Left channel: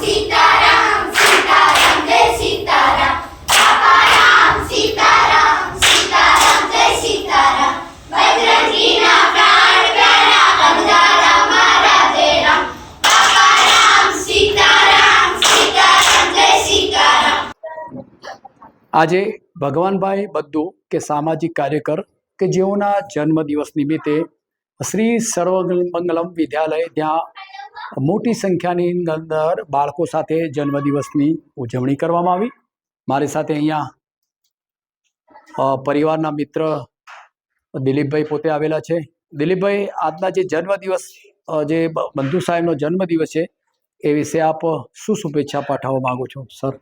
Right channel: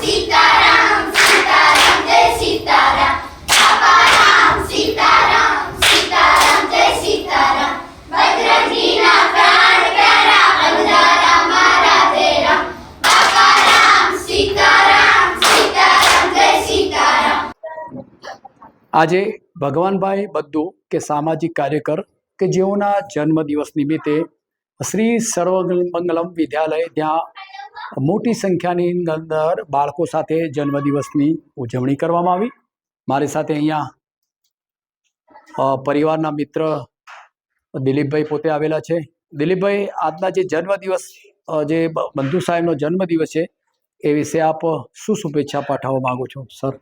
સીતારામ સીતારામ જય સીતારામ બાપા રામ સીતારામ સીતારામ જય સીતારામ બજરંગીના પ્રાણ પ્યારા બંધારા મારા દેરા બાપા રામ સીતારામ સીતારામ જય સીતારામ। આજે ભગવાનભાઈ બદ્દુ કે સામાજિક કાર્યકર કે જેઓના જન્મદિવસ નિમિત્તે શ્રી સર્વમંગલમ વિદ્યાલય ત્યાં મોટી સંખ્યાની અંદર બાળકો સાથે જન્મદિવસની ઉજવણી કરવામાં આવી। મારી સાથે અહીંયા પરિવારના મિત્ર દિલીપભાઈ પોતે આવેલા છે। દિલીપભાઈ, આજના જે જન્મદિવસ જે બંધુ સાહેબનો જન્મદિવસ છે એ વિશે આપ શું શુભેચ્છા પાઠવવા માગો છો સર?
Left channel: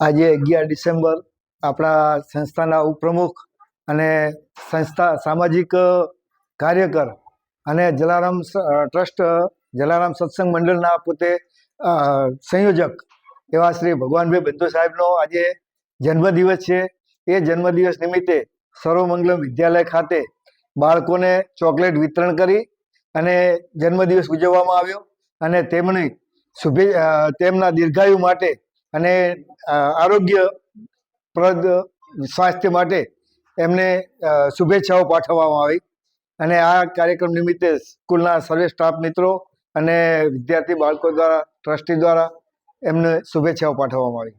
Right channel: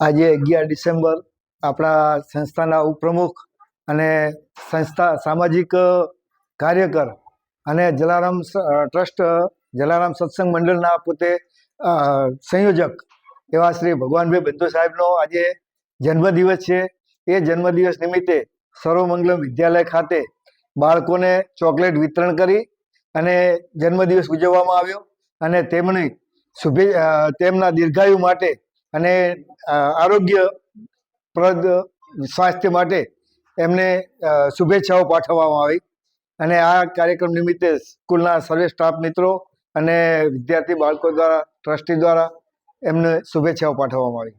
આજે 11 ડિસેમ્બર આપણા સંસ્થાના ઉપપ્રમુખ અને સંસ્થા સામાજિક કાર્યકર અને જલારામ ટ્રસ્ટ જલારામ સત્સંગ મંડળના પોતે સંયોજક એવા શ્રી ભગવાનભાઈ બંધુ સાહેબનો આજે જન્મદિવસ છે। એ જન્મદિવસ નિમિત્તે સર્વમંગલમ વિદ્યાલય ખાતે બાળકોને ચોકલેટ વિતરણ કરી અને જન્મદિવસ ઉજવવામાં આવ્યો અને તેમના દીર્ઘાયુ માટે અને આરોગ્યપ્રદ સ્વાસ્થ્ય માટે એમને શુભેચ્છાઓ પાઠવવામાં આવી અને આ કાર્યક્રમ નિમિત્તે સ્કૂલના સર્વે સ્ટાફ મિત્રો અને વિદ્યાર્થી બાળકો દ્વારા ટ્રસ્ટી દ્વારા એમને શુભેચ્છાઓ પાઠવવામાં આવી।